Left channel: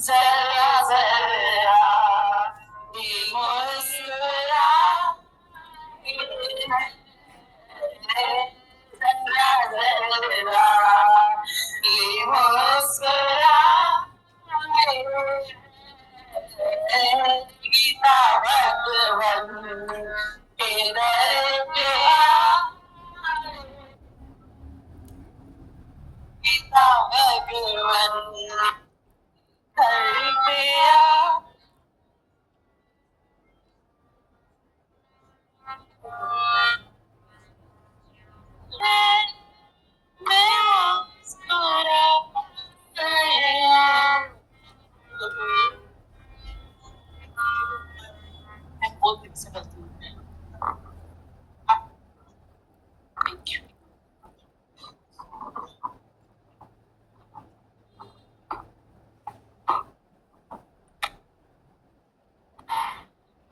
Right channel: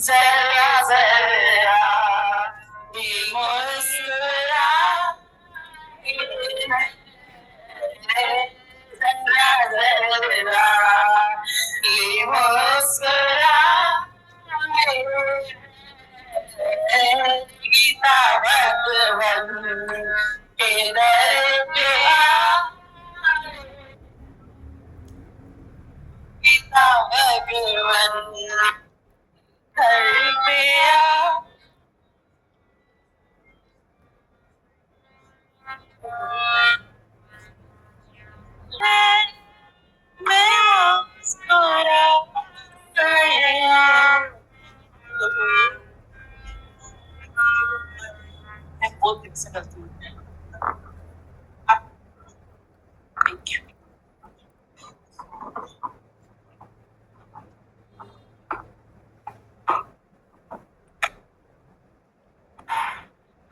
जरा जरा मुस्कुरा जरा जरा मुस्कुरा गीता भगवन के दर पे गीता भगवन घर पे मैं मुस्कुरा मैं बहुत दिन से करती हूँ। Thank you.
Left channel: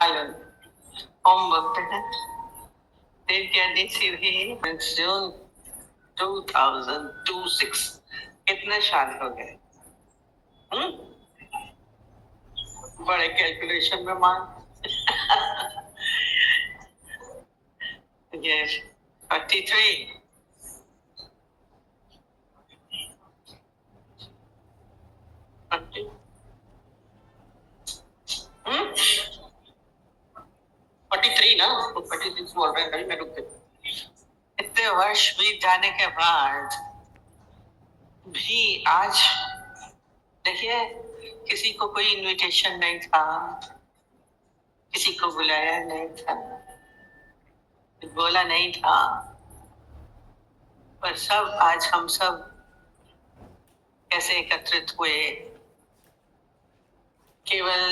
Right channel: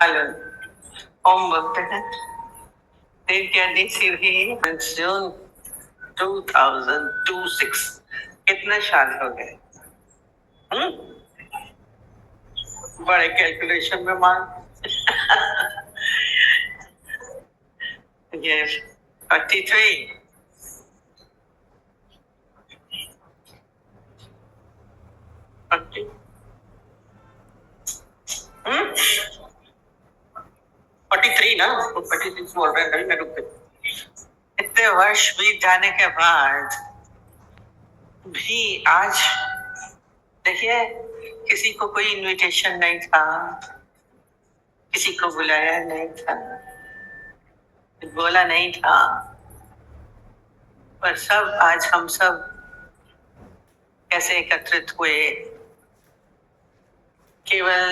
हेलो, ओम बोलते हैं। जून 2026 कितने साल हो गए? बड़े कैलकुलेशन में मान ये 43 43 ना, 46 बोल रहे हैं, कभी मैं रुक गई। इतने वर्ष बीत जाने के बाद भी आज देखिए, किसी को कोई इनविटेशन नहीं था, किसी को बुलाया नहीं था, बोला नहीं था, पर सब आज हम सब कैसे एकत्रित हुए, केवल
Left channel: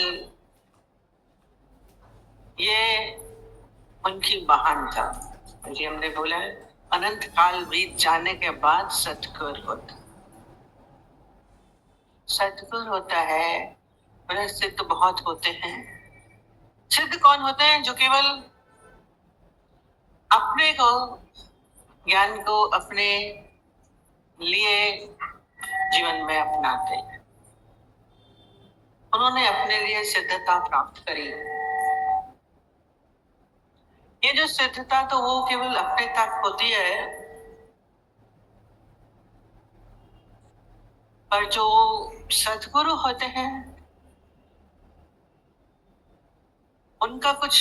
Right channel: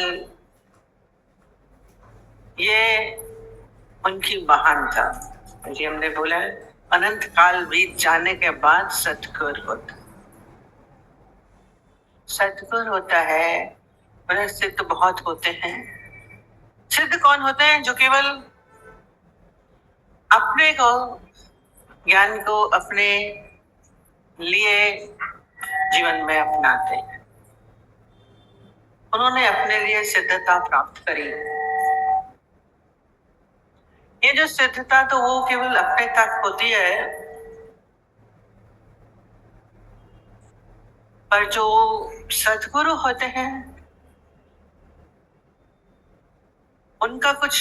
ये उनकी महानता। जी हमने बोला है, अनंत काल बीत जाने के बाद सतगुर होता, सतगुर होता है। पर सिद्ध बहुत होते हैं। सिद्ध कौन होते हैं? जो केवल अपने को, ज्ञान को अपने लिए जीवन में अपनाते हैं। उन्होंने अपने लिए सिद्धता प्राप्त करी। ये जो सिद्धता तो वो केवल अपने तक होती है, पर जो सद्गुरु होते हैं उनका कुछ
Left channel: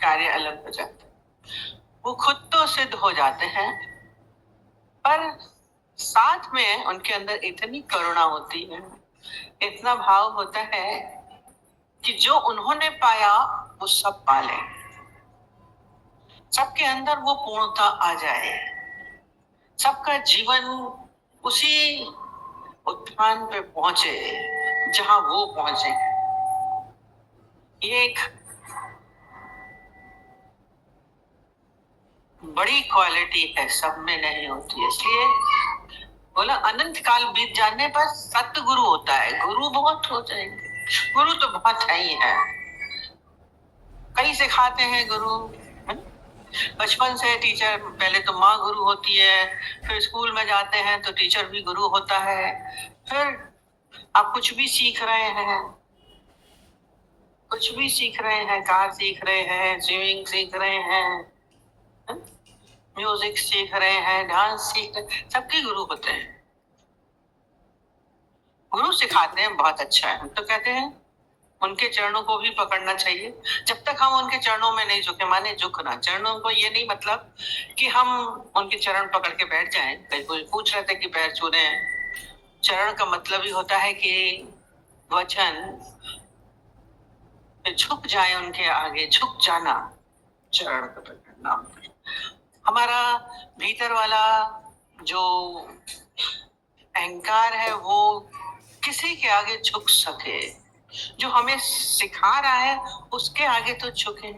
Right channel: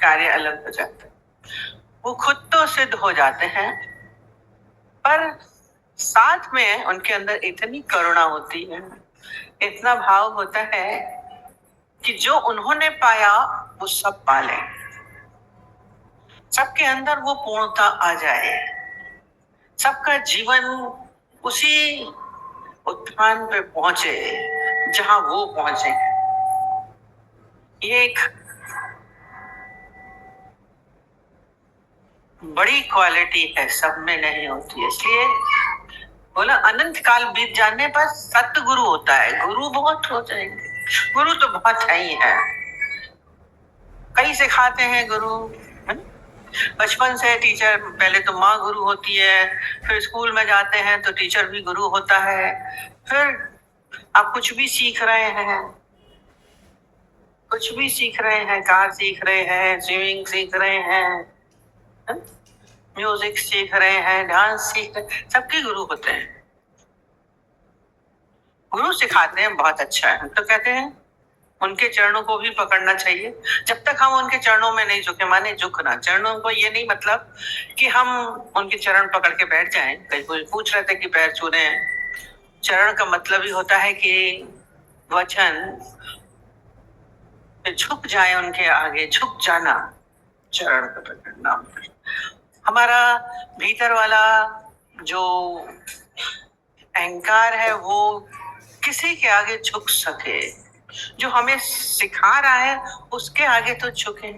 कार्य अलग हो जाता है। वो खुद तो सिद्ध हो जाते हैं, पर साथ में उनके अंदर इतनी करुणा होती है, इतना भाव होता है कि जो उन्होंने पाया वो सब पा ले, सबके अंदर वो पूर्णता आ जाए, सबका जीवन उसी उत्थान पे पहुंचे जहां वो पहुंचे। ये एक बड़ी क्वालिटी है, सब में नहीं होती है। इसलिए बोला अनंत काल बीत जाने पर सतगुरु होता है। गुरु बहुत हो जाएंगे, गुरु तो बहुत है ही है, कई सिखाते हैं गुरु। बचपन से टीचर, पहले तो माँ गुरु होती है, फिर स्कूल में जाते हैं तो टीचर भी गुरु होता है, फिर आप कुछ भी सीख रहे हैं, कुछ भी सीख रहे हैं, कार सीख रहे हैं, स्विमिंग सीख रहे हैं, म्यूजिक सीख रहे हैं, डांस सीख रहे हैं, सबके गुरु होते हैं। गुरु सिखाते हैं, बहुत अच्छा है। हम तो कहते हैं उनके चरणों को भी पकड़ना चाहिए। जब तक हम उनके चरणों में नहीं झुके, माने झुकना, चरणों को ये नहीं मतलब कि हम उनके चरण पकड़ के बैठ जाएं। कई कोई पूछ रहे थे कि पैर छू रहे हैं। चरण का मतलब ही होता है कि वचन झुक जाए, उनके आगे झुक जाना, चरण को पकड़ना। हमारा भीतर वाला जो अहंकार है वो किसी के आगे झुक सके, जो हमें सिखा रहा है उसके आगे तो झुके।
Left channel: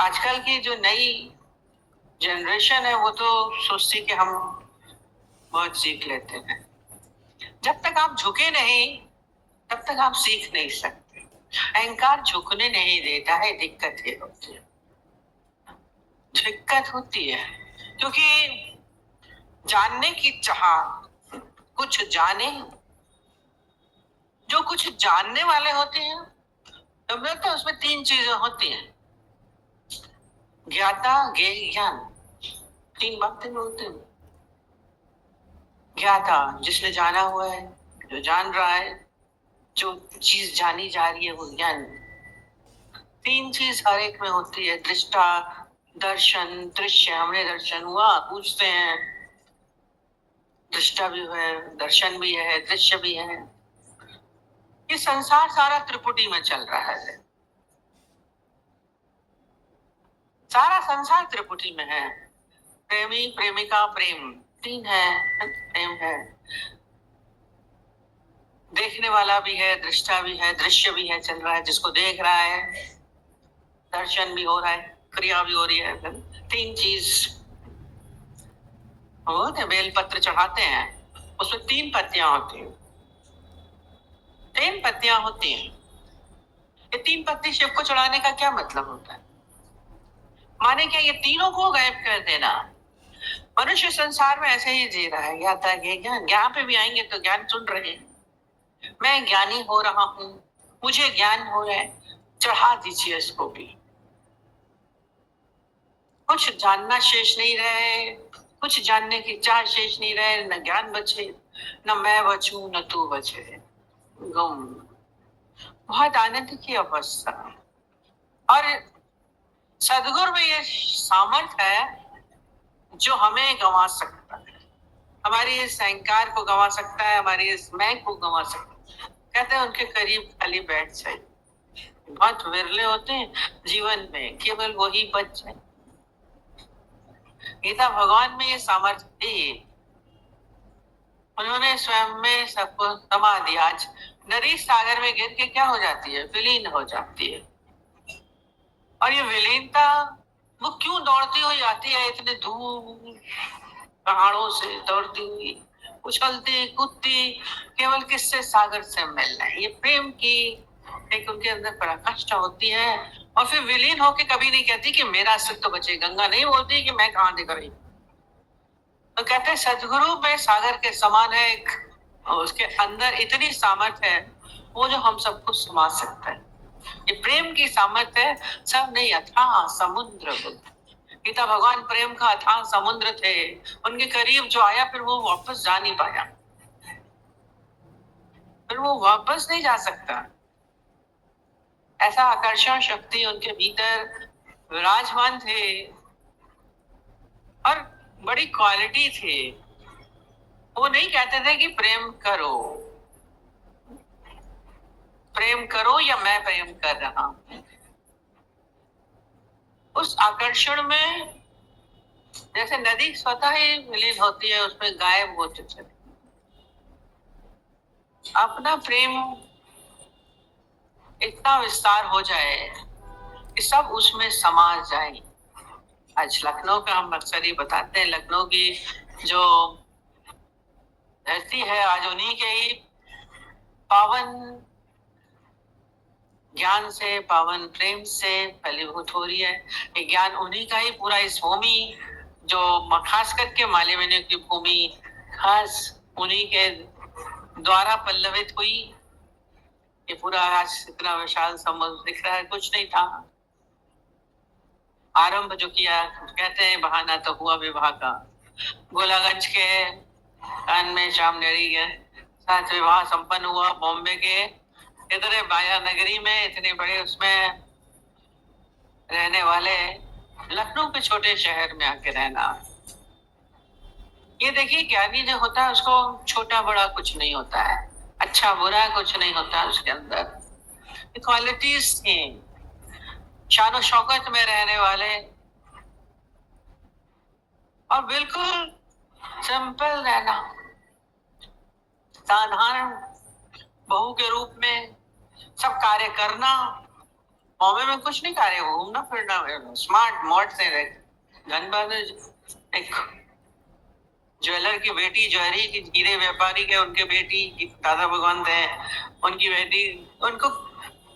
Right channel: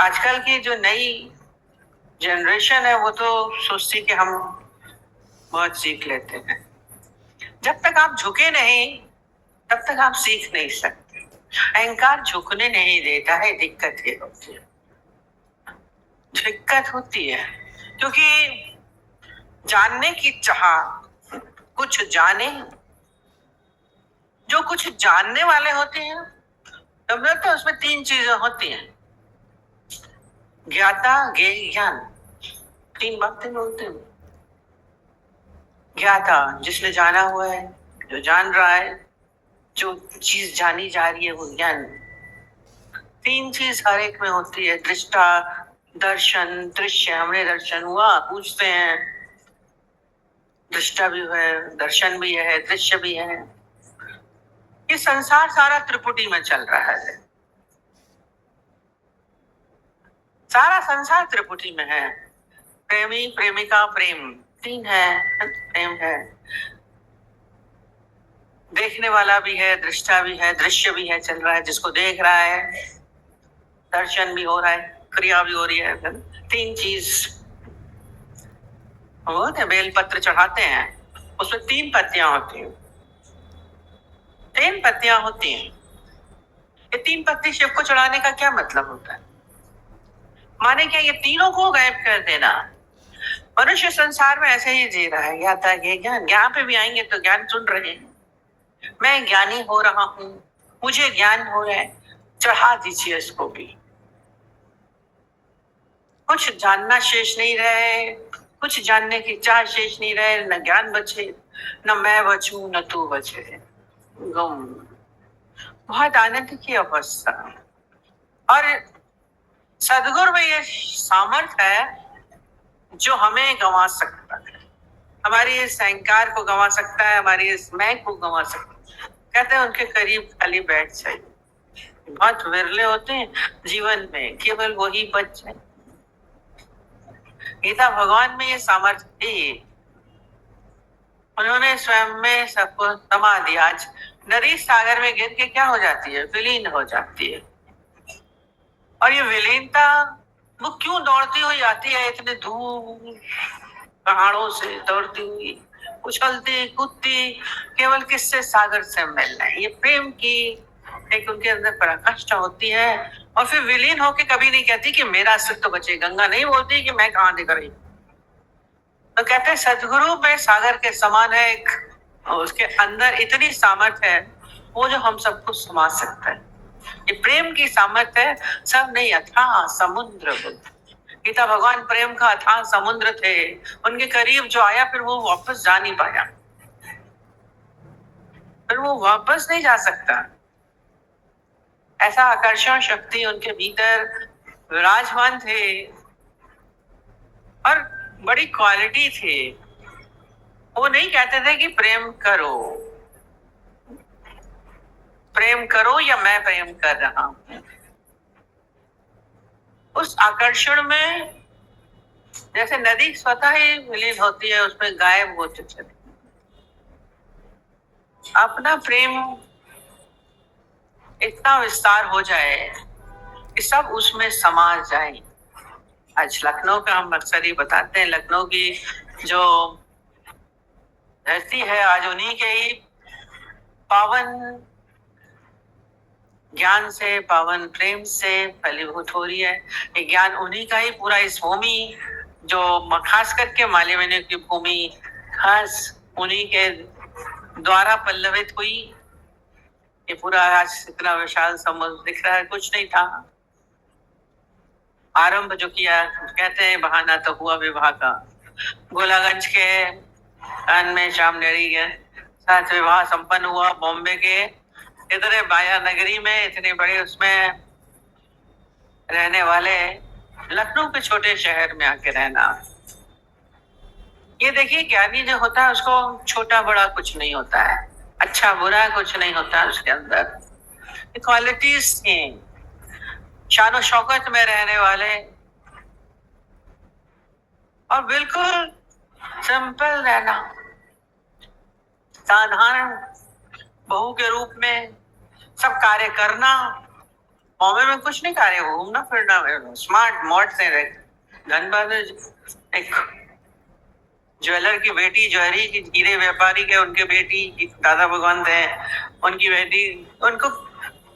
आजकल की जो नई जनरेशन है वो तो सोचती कि हम बहुत सीख लेते हैं। जब तक आप झुके नहीं तब तक आप सीख नहीं सकते। अहंकार झुकने नहीं देता है, दिक्कत ये होती है, दिक्कत होती है। क्योंकि जानने की चाह, कुछ जाने। जो कुछ जानने वाले होते हैं, समझे, तो उसमें तीन चीजें होती हैं, ज्ञाता, ज्ञेय, ज्ञान। तीन बातें बोलते हैं। ज्ञाता, जिसने जाना हुआ है, जो जान रहा है, जो चीज जानी जा रही है वो ज्ञान। तीन चीज हर एक में होती है, दृष्टा, दर्शन, दृश्य। हमने दर्शन हुआ, पूछते हैं, दृष्टा भी है, दर्शन भी है, दृश्य भी है। ये संसार सारा त्रिपुटी में चल रहा है, सारा संसार त्रिपुटी में है। प्रेमी, प्रेमिका, प्रेम, तीन है, प्रेम है। देखने वाला भी है, दृष्टा भी है, दृश्य भी है, चल रहा है, जिसको देख रहा है, दर्शन भी हो रहा है, क्रिया भी हो रही है। तीन चीज होते। बेल पत्र चढ़ाते हैं, उसमें तीन पत्तियां होती हैं, तीन पत्तियां होती हैं। ये तीन पत्ती शिव को चढ़ाने का क्या मतलब होता है? माने क्या ये तीनों को गायब कर देना? मनुष्य संसार में ऐसे ही जी रहा है, या था ये ज्ञान, ज्ञान पे भी आएंगे तो ज्ञान सुन रहे हैं, मैं ज्ञानी हो रहा हूं, मुझे ज्ञान हो रहा है, चढ़ा दीजिए इसको भी। कुछ जानना शेष नहीं रहे, कुछ जानने की चाह शेष नहीं रहे, न ज्ञान बचे, न मैं बचूं, न तू बचे। गुम, बहुत आनंद की अवस्था। और सदगुरु में ये सामर्थ्य है जो हमें गंवा सकता है, हमारी इस अहंकार को गंवा सकता है, हमारी इस मैं को गंवा सकता है। कहते हैं उनके करीब खाली बैठ जाए। बहुत विरले होते हैं जीवन में, केवल वही बच जाए। गीता भगवान में ये सामर्थ्य थी, उन्होंने स्वयं में सबको समा दिया। आज नदी सागर में गिर के क्या हो जाती है? विलीन हो जाती है। और ये विलीनता वो क्यों दौड़ती हुई आती है, इतने दूर पहाड़ों से दौड़ती हुई, उछलती कूदती, केवल किससे? सागर से मिलना। ये प्रेम की एक उनके अंदर पराकाष्ठा होती है। और फिर विलीन होके कभी नहीं कहती कि मेरा अस्तित्व बचे। गंगा नहीं बोलती कि मैं कहाँ दिख रही, तो कहते हैं सदगुरु में सागर के समान है एक, उसके अंदर इतनी सामर्थ्य है वो जो हम सबको समा सकता है। ये प्रेम की सामर्थ्य है, सब नहीं, अथाह समुद्र। गीता भगवान प्रेम का अथाह समुद्र थे, उनके करीब जो आया फिर वो वापस जा नहीं पाया, फिर वो वापस नहीं जा सकता। ऐसा आकर्षण शक्ति उनके भीतर विराजमान थे और बड़ी क्वालिटी थी। वो नहीं कहते थे कि प्रेम करो, प्रेम करो या मैं प्रेम कर रहा हूं। उस आकर्षण में जैसे नदी स्वतः ही विलीन होती है, उसमें गायब होते चले, अपना प्रेम इतना विस्तार हो जाए कि सब उसमें समा जाए। आज लखनऊ का हम अक्सर ही बताते हैं, लखनऊ की जो धरती है आज उन्हीं के ही पावन ज्ञान से, पावन प्रेम से फलीभूत हो रही है। ये ज्ञान उन्हीं का ही पूरा इस भूमि जो खास करके मालवीय की भूमि खास उन्हीं के द्वारा पल्लवित हुई। ये पूरा आज इतना विशाल समुद्र दिख रहा है, कुछ नहीं था। आरंभ जो किया, कहते हैं बहाना तो हुआ विवाह का। गोलागंज के कान में शाम नेरी के साथ विवाह संपन्न हुआ। बॉम्बे के इतने माया नगरी में, इतने बड़े उसमें रहने वाले, लखनऊ के छोटे शहर में आके रहना। ये देखिए ज्ञानी जो होता है उसको छोटा बड़ा कुछ नहीं होता है, अच्छा बुरा कुछ नहीं होता उसके अंदर। क्वालिटीज थी, शान शौकत में रहने वाले और बिल्कुल सिंपल रहना, साधारण बहू के रूप में सब कार्य करना। बॉम्बे में कुछ नहीं कार्य, घूमना फिरना, स्मार्ट मॉड से रहे। धनबाद एक ज्वेलर की बेटी, ज्वेलरी की हीरे व्यापारी के उनके बेटी दादा भगवान थे, उनकी बेटी, उनको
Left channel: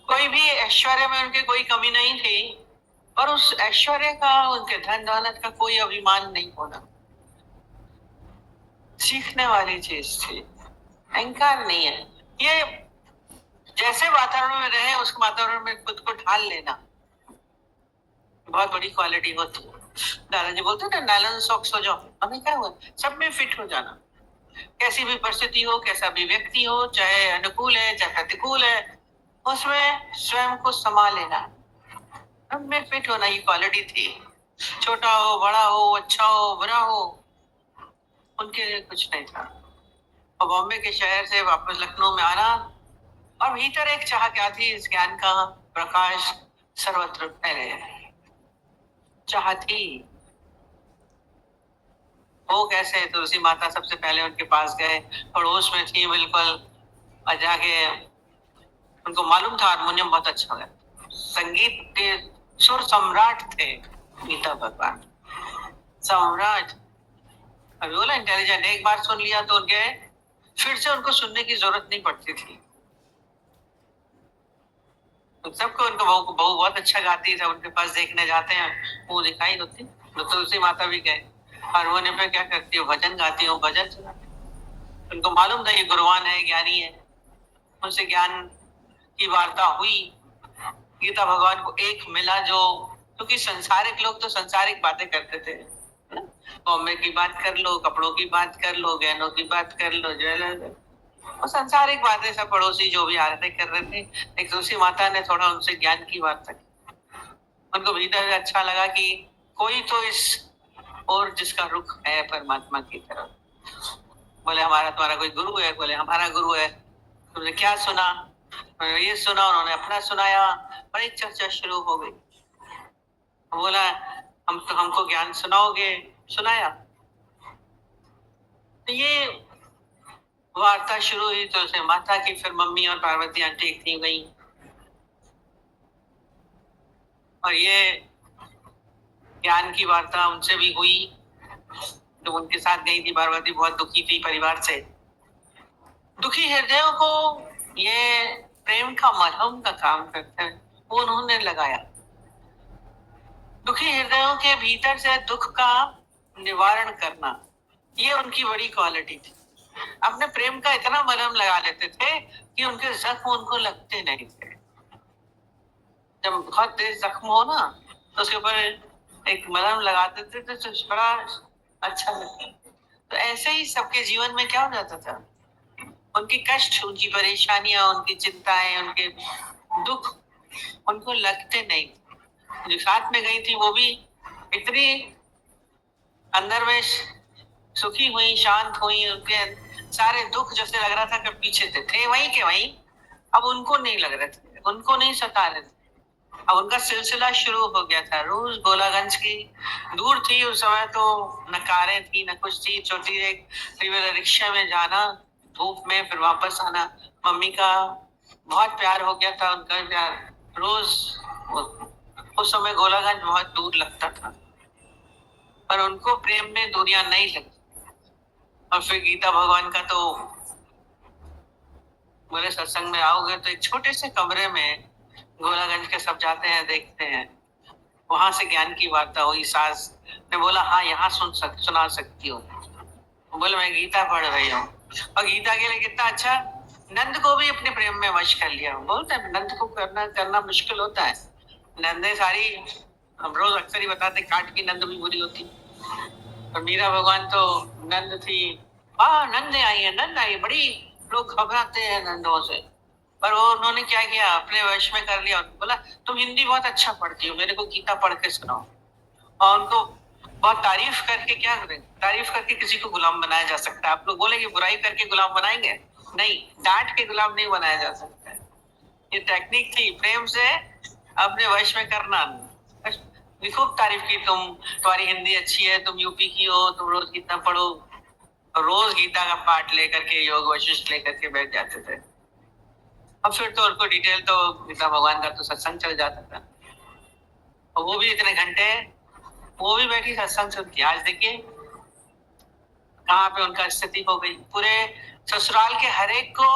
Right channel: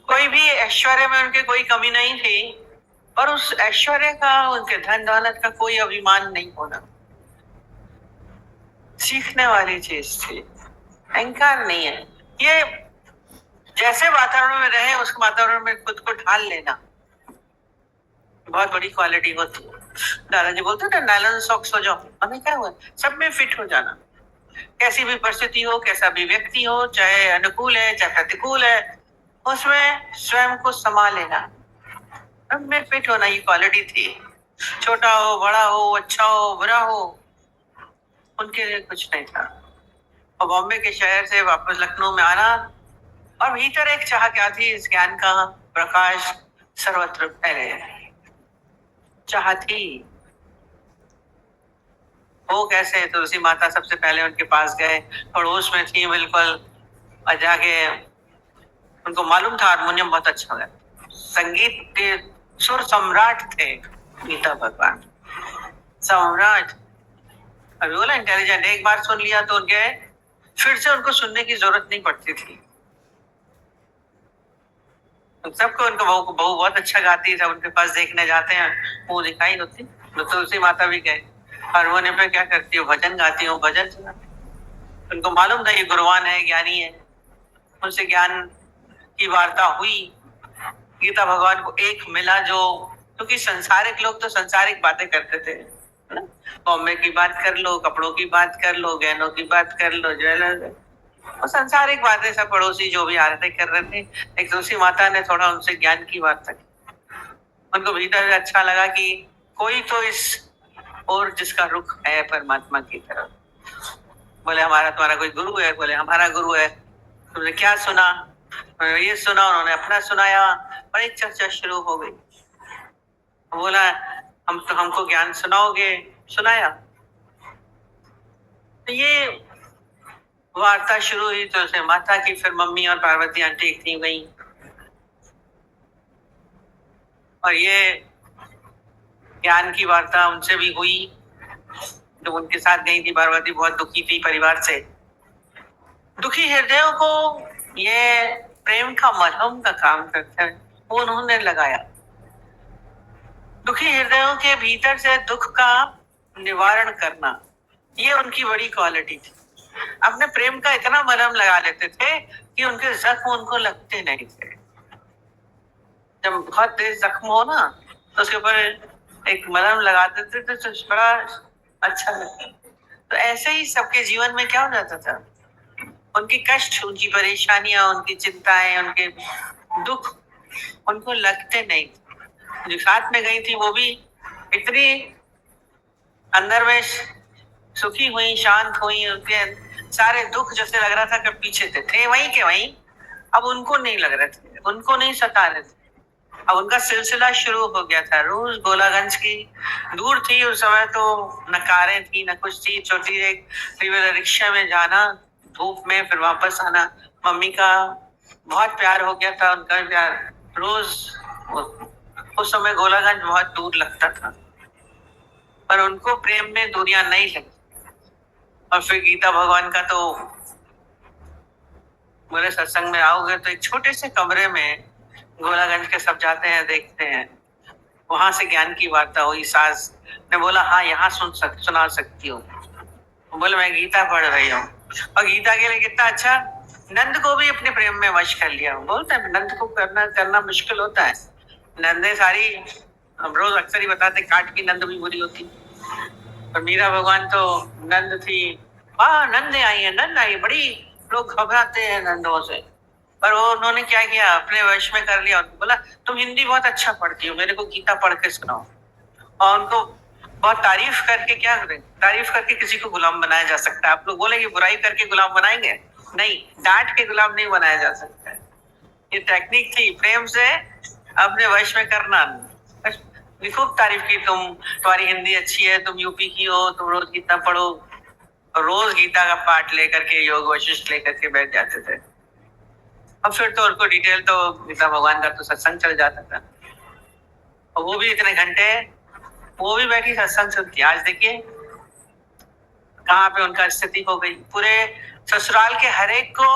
कोई भी ऐश्वर्य में उनके कोई कमी नहीं थी। और उस ऐश्वर्य का, उनके धन दौलत का कोई अभिमान नहीं होना। सीखने वाली चीज थी, अहंकार नहीं है। ये जैसे वातावरण में रहे उस वातावरण में खुद को ढाल लेना बहुत बड़ी क्वालिटी होती है। दादाजी बोलते थे नायलॉन सॉक्स हो जाओ, हमें क्या हुआ, सब में फिट हो जाना। कैसी भी परिस्थिति हो, कैसा भी व्यक्ति हो, चाहे अनुकूल है चाहे प्रतिकूल है, उसमें स्वयं को संभाल लेना, सब में फिट होना ही क्वालिटी थी। छोटा हो बड़ा हो, अच्छा हो बुरा हो, उनके लिए कुछ नहीं था। और बॉम्बे के शहर से वापस लखनऊ में आना, और भीतर एक चाह क्या थी, इस ज्ञान का प्रकाश सर्वत्र फैले, चाह थी। वो कैसे, तुलसी माता सबसे पहले उनके पास गए, पड़ोस में थी बिल्कुल, और जाके उनको मालूम था हारमोनियम बहुत अच्छा है, संगीत के सुर सम्राट थे गीता भगवान, सम्राट। अभी बोला इंटेलिजेंट, एक बार सुन लिया तो उनके फिर से उनको सुनने की जरूरत नहीं पड़ती थी। सबको उनको बहू बहू बहुत अच्छा गाती है, सब उनके पास देखने जाते हैं, वो दिखाई होती। तो तुलसी माता भी गए, हारमोनियम पे क्या करती हो, भजन गाती हो, भजन सुनाती। उनको मालूम था ये गुरुवान है, ज्ञानी है, उनसे ज्ञान की वार्ता हुई। गीता भगवान को एक मिला जो, क्योंकि संसारिक लोग तो संसारिक बातें करते थे, है ना? बॉम्बे की बात कर लो, कपड़ों की बात कर लो, गहनों की बात कर लो, ज्वेलर, और संसारिक बातें सब पड़ोसी जो भी आ रहे थे कर रहे थे। एक तुलसी माता ने थोड़ा उनसे ज्ञान की वार्ता की, उनको भीतर अच्छा लगा कि कोई तो इस और जिसका रुख है परमात्मा की तरफ। बोले हमारा तुम्हारा कोई गुरु है? बोले हमारा गुरु है। तुमने क्या सुना? ये सुना, उन्होंने अपना सुनाया, और एक चर्चा शुरू हो गई। बोला हम तो, हमको ज्ञान सुनाओगे? सुनाया। तो ये वार्ता शुरू हुई, तो उसे माता की, फिर मम्मी और पार्वती आंटी थी गई, और ये ज्ञान की वार्ता उनसे भी हुई। जो उनके साथ गई थी पार्वती बहुत दुखी थी परिवार से, दुखी हृदयों को ये प्रेम का मरहम का काम करता है, वो उन्होंने लगाया। दुखी हृदयों के भीतर से दुख का निवारण करना, ये उनकी बड़ी क्वालिटी थी। अपने प्रेम का इतना मरहम लगा लेते थे कि उनके जख्म उनको लगते नहीं थे। जब बहुत तेज जख्म हो ना, तो उसके ऊपर एक मलहम लगा देते थे तो बड़ा अच्छा लगता। तो ऐसे ही सबके जीवन में क्या हो जाता था, उनकी कष्ट, उनकी परेशानियां, उनकी चिंताएं, उनके दुख उनको लगते नहीं। जो साथ में गई थी वो भी इतनी अंदर में सुखी हुई, शांत हुई, उनके सारे दुख जैसे लग रहा था कि पीछे थे वहीं के वहीं, अब उनको नहीं लग रहे थे, उनको नहीं सता रहे थे। अब उनका सिलसिला शुरू हो गया था। रोज गोलागंज की दूर थी उस समय, तो न कारें थी न कुछ थी, छोटी एक रिक्शा में जाना, धूप में फिर वापस आना। मम्मी का बहुत प्यार हो गया था, उनका प्यार रोज। उस समय गोलागंज बहुत दूर लगता था, पर उनको प्रेम में दूरियां नहीं लगी। और फिर गीता भगवान का तो बोले सत्संग में आओगे तो एक छोटे से कमरे में गोलागंज के सब जाते हैं, देखते हैं, वहां से ज्ञान की वार्ता हुई। सास ने बोला हाँ यहाँ सुना सकती हूँ। बोले मैं गीता पढ़ रही हूँ। और गीता के लिए कितना अच्छा, नंद को भी अपने प्रेम में वश कर लिया। बोलते हैं नंद को करना करना मुश्किल होता है, नंदे सारी, हम रोज अक्सर ही बताते काट की नंद भी बुरी होती। और मीरा भगवान तो नंद थी, वाह नंदे आई है, नंद आई, बड़ी लोग घबराते हैं नंदों से। पर वो उन्होंने क्या किया, अपने वश में कर लिया। बोला तुम हिंदी बहुत अच्छा पढ़ती हो, मेरे को गीता पढ़ के सुनाओ। और उनको बहुत तारीफ करके, क्या करें, तारीफ करके किसी को गुलाम बनाया जा सकता है? आप लोग बोलेंगे बुराई करके गुलाम बनाएंगे, नहीं, डांट के गुलाम नहीं बनाया जा सकता है। ये टेक्निक थी, प्रेम से अपने वश में करना। खूब तारीफ की, तुम्हारी हिंदी अच्छी है, तुम यूपी की हो, तुम रोज गीता पढ़ो। रोज गीता का पाठ लेकर के, योग वशिष्ठ लेकर के बैठ जाते थे। अब फिर तो उनको डिटेल तो गीता भगवान का तो सत्संग चल जाता था, और वो भी इतने घंटे वो भी बैठी सत्संग सुनती। आज देखिए कहाँ पे उनका स्थिति हो गई। पूरे ससुराल के हर एक को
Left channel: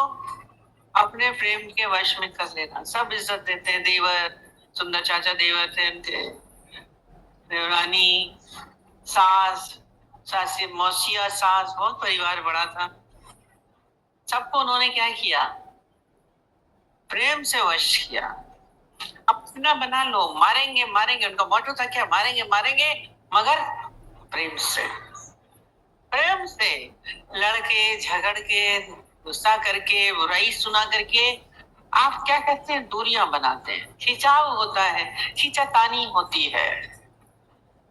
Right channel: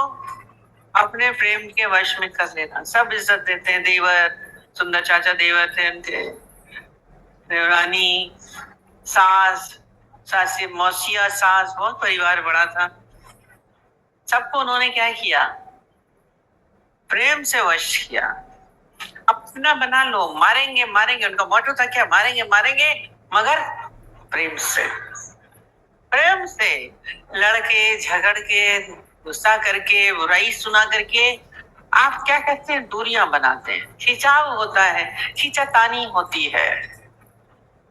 अपने प्रेम के वश में कर लेना, सब इज्जत देते हैं। देवर, सुंदर चाचा देवर थे उनके, देवरानी, सास, सासी, मौसिया, सास, बहुत परिवार बड़ा था। सबको उन्होंने क्या किया? प्रेम से वश किया, अपना बना लो। मारेंगे मारेंगे, उनका मोटो था क्या? मारेंगे मारेंगे, मगर प्रेम से। प्रेम से लड़के झगड़ के, गुस्सा करके, बुराई सुना करके आप क्या कहते हैं? दूरियां बनाते हैं, खिंचाव होता है, खींचातानी होती है।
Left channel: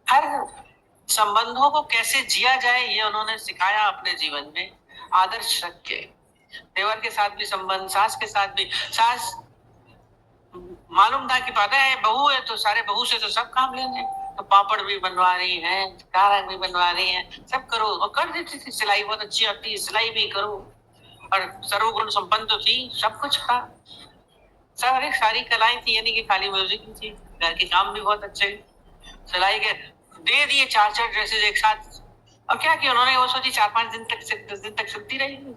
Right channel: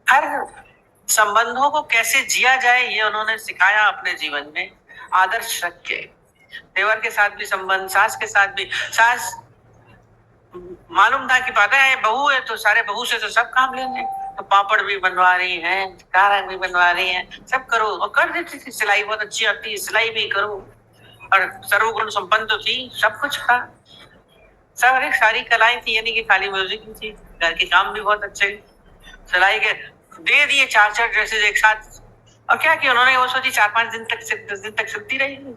हर संबंधों को कैसे जिया जाए ये उन्होंने सिखाया अपने जीवन में, आदर्श रख के। देवर के साथ भी संबंध, सास के साथ भी। सास मालूम था कि पता है बहू है तो सारे बहू से तो सब काम लेंगे, तो पापड़ भी बनवा रही है, कारा भी बनवा रही है, सब करो। और कर देती थी, सिलाई बहुत अच्छी आती है, सिलाई भी करो। और सर्वगुण संपन्न तो थी, सब कुछ था। सब अरे सारी कलाएं थी, यानी कि खाली म्यूजिक ही थी। घर के काम भी बहुत अच्छे, सिलाई के दे दिए 4-4 ड्रेसेस एक साथ। और क्या किया उन्होंने? वो सोची 4-5 दिन तक, 10 दिन तक सिलती रहेगी।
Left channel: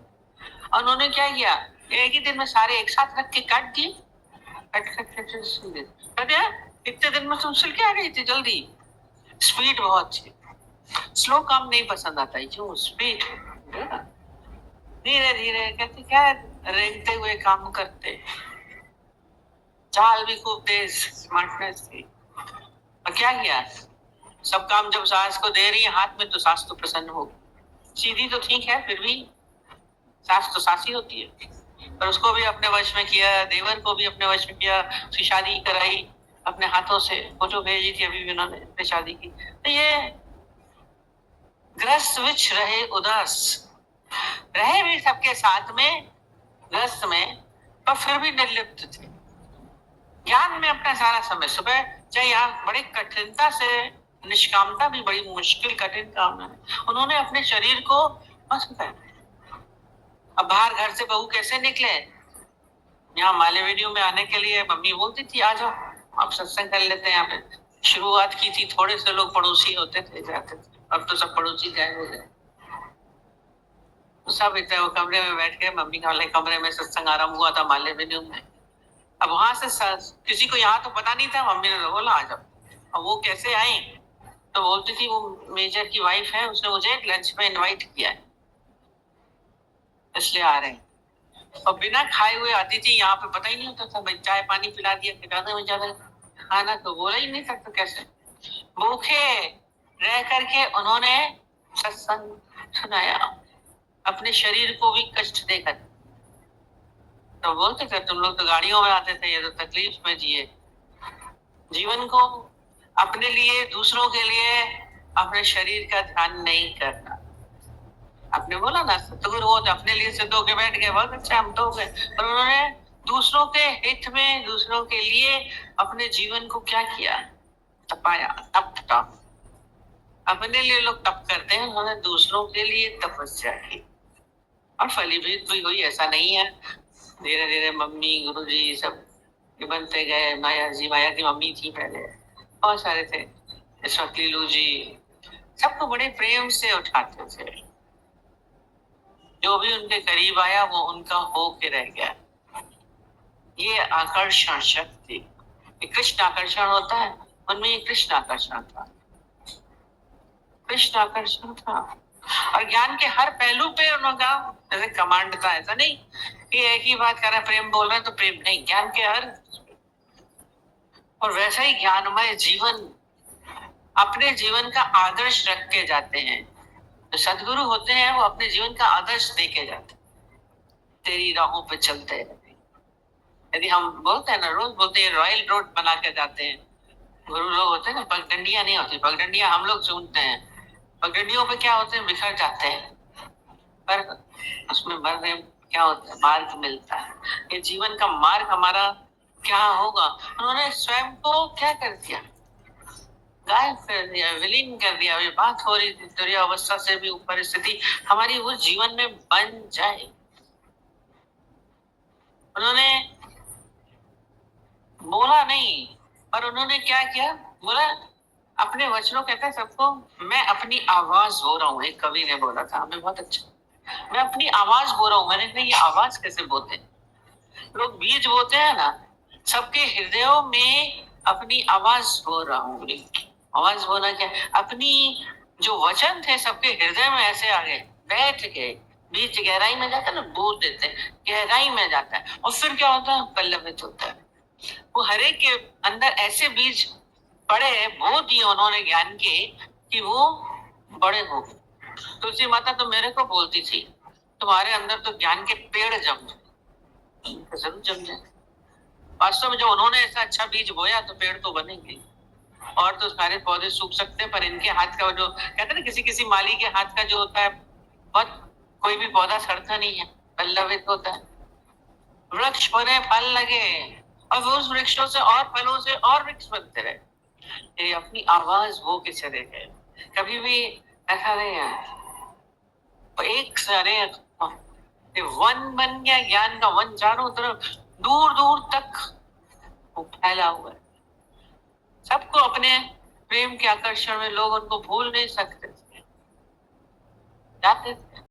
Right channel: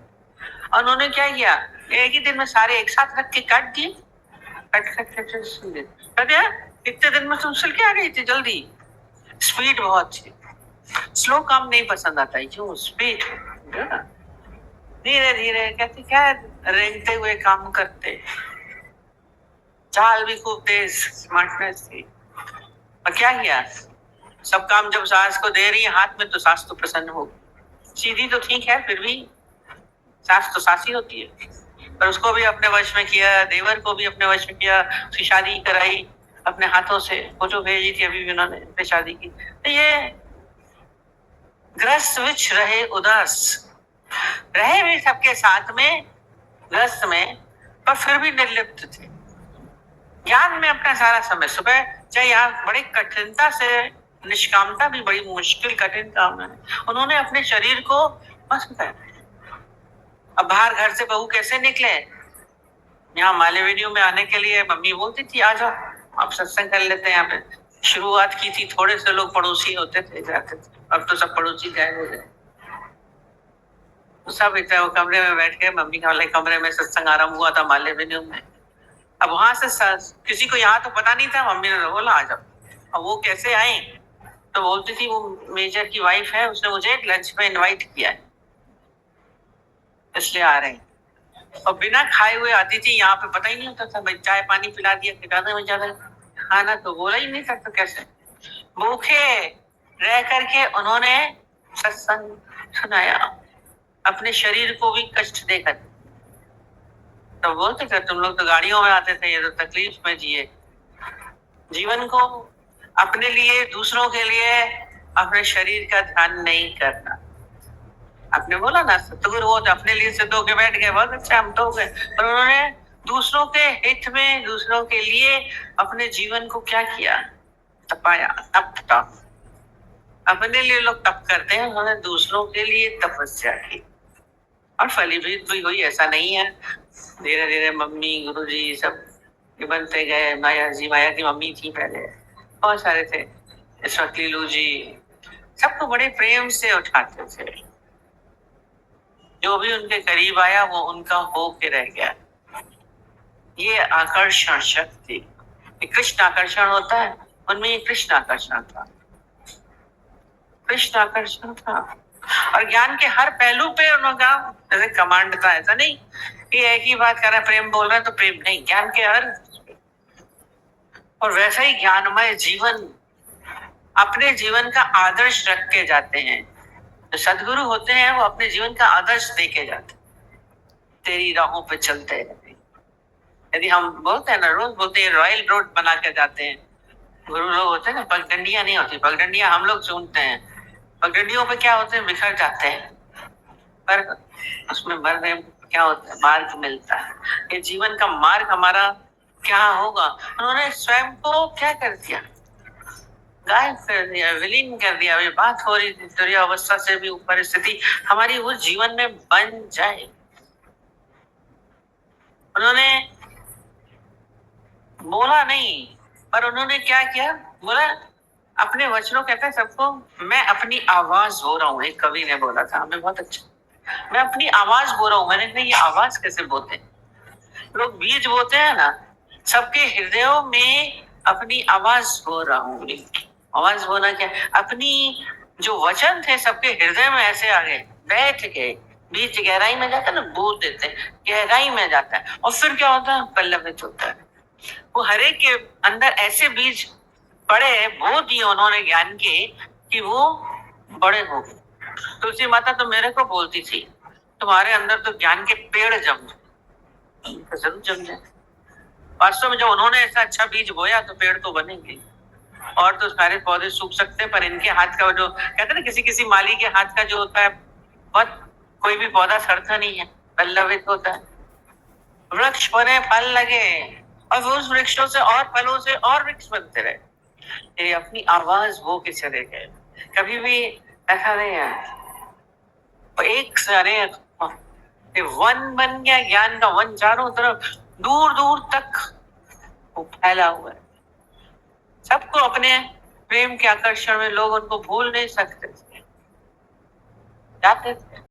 और उन्होंने क्या किया? एक ही दिन में सारे एक साथ रख के काट दिए। इतने दिन में तुम सिल के आ गई थी जल्दी। स्पीड बहुत थी, स्लो काम नहीं पसंद आता है, क्यों? स्पीड। धीरे धीरे कहते क्या रेंगते हुए काम करते, चाल भी खूब तेज, स्मार्टनेस थी। और क्या किया? सब काम जब सास को दे रही है हाथ में, तो सास तो प्रसन्न होगी। सीधी तो ठीक है, फिर भी सास तो सास ही होती है। पर उसको भी अपने वश में किया, देवर को भी अपने वश में किया। उसकी शादी कराई अपने हाथों से, फोटो भेजी थी अभी भी उन्होंने अपनी शादी की। तो ये ग्रस्त विच रहे उदास, रहे भी सबके साथ में, ग्रस्त में, पर फिर भी निर्लिप्त थे। ज्ञान में अपना सारा समय, सुबह चाहे यहाँ बड़ी कठिनता से, निष्कामता भी बड़ी मुश्किल कठिन काम है, उन्होंने अपने शरीर को बस बताया। अब बाहर घर से बहू कैसे निकले? यहाँ मालेवेन्यू में आने के लिए मम्मी बोलती थी आ जाओ, आप सत्संग कर लेते हैं यहाँ पे। शुरुआत की थी, थोड़े से लोग पड़ोसी होते थे, जाते थे। अब तो सब पड़ोसी गायब हो गए। सब इतना वो कमरे में बैठ के, मम्मी के वाले कमरे में सत्संग आरंभ हुआ था मालेवेन्यू में। अब वहां से किसी को यहाँ तो पता नहीं था, मम्मी ने बोला आ जाओ। अब वो कैसे आई? तो बोलती थी वो मेजर की वाइफ है, उसने मुझे लंच में इनवाइट किया है, इसलिए आ रहे हैं। और बिना खाए हुए आती थी यहाँ पे, पता ही नहीं होता था भाई, चाय पानी पिला दिया, खिलाने में ज्यादा खाना तो बोला ही नहीं था, तो कैसे भूखे रह करके उन्होंने सत्संग सुनाया, अपने शरीर को भी कष्ट देकर। तो बोलते थे तुम लोग तो गाड़ियों में आते थे, ये तो तकलीफ में जिए। जीवन को अपने लिए, दूसरों के लिए, अपने शरीर का ध्यान नहीं करना। आपने बोला ना सतगुरु हो तो अपने लिए सिद्ध होके बैठ गए, बहुत अच्छा, हम तो हो गए। पर उन्होंने दूसरों के हित में, दूसरों के लिए अपने जीवन को क्या किया? तपाया, तप तप। अपने लिए लोग तप करते हैं, उन्होंने दूसरों के लिए तपस्या की और फलीभूत भी हुई। ऐसा नहीं है, धीरे धीरे मम्मी, गुरुजी सब बनते गए। माया जी, माया की मम्मी थी पहले, बहुत सारे थे। इस वक्त लीलू जी, सबको बड़े प्रेम से उठाते थे। जो भी उनके करीब आया वो उनका हो के रह गया। ये आकर्षण शक्ति, कृष्ण आकर्षण होता है, उनमें ये कृष्ण आकर्षण था, कृष्ण आकर्षण था। और ज्ञान के हर पहलू पे उनका जैसे कमांड था, ऐसा नहीं कि एक ही बात कर रहा है, प्रेम बोल रहा है तो प्रेम नहीं, ज्ञान के हर। और वैसा ही ज्ञानमय जीवन, अपने जीवन का आदर्श रख के जाते हैं। जो सदगुरु होते हैं वो अपने जीवन का आदर्श दे के जाते हैं, तेरी राहों पे चलते रहते। यदि हम बोलते हैं ना, रोज बोलते हैं रॉयल रोड बना के जाते हैं, गुरु लोग होते हैं ना, पगडंडियां नहीं होती, पगडंडियां हम लोग चुनते हैं। पगडंडियों पे क्या होते हैं? बिखर जाते हैं, पर उसमें मरने क्या होता है? मार्ग मिलता है। ये जीवन का मार्ग हमारा क्या होगा? उन्होंने स्वयं को क्या कर दिया? गायब कर दिया, विलीन कर दिया। अभी बात हो रही थी तुरीय अवस्था से भी ऊपर स्थिति हमारी वो जीवन में बन जाए। उन्होंने बोला नहीं, पर उन्होंने क्या किया? बोला अपने वचनों, कहता है सबको, मैं अपनी आवाज हो रहा हूँ। एक कवि ने बोला था, हमें बहुत अच्छा, मैं अपनी आवाज बो रहा हूँ। मैंने कहा ये आवाज कैसे बोते हैं? लोग बीज बोते हैं ना, सबके हृदयों में अपनी आवाज बो रहा हूँ। आवाज बोना क्या? अपनी जो वचन थे सबके हृदय में ऐसे आ गए, बैठ गए, बीच गहराई में जाता है ना, बोल देते हैं, गहराई में जाता है और फिर क्या होता है, पल्लवित होता है। वो हरेक के अंदर ऐसे बीज पड़े, बो दिए उन्होंने ज्ञान के, कि वो बड़े हो गए। तुलसी माता तो मेरे को बोलती थी, तुम्हारे अंदर तो ज्ञान के पेड़ जम जाए, तो जरूर जम जाए। वास्तव में जब उन्होंने ऐसा अच्छा बीज बोया तो पेड़ तो बनेंगे। और तो सारे पौधे सूख सकते हैं, पर इनके हाथ का वो जो कहते हैं ना, किसी किसी माली के हाथ का जो होता है, बहुत कोई भी पौधा सड़ता नहीं है, पल्लवित होता है। वृक्ष बने, फल लगे, और वो उस वृक्षों से और फलों से और वृक्ष बनते रहे। ये अपनी आवाज वो के चले गए, कभी भी ऐसा नहीं है। एक सारे वन बन गया, ज्ञान का वन, चारों तरफ दूर दूर तक वो फैला हुआ है। सबको अपने प्रेम के आकर्षण में लोग उनको भूल नहीं सकते, जाते थे।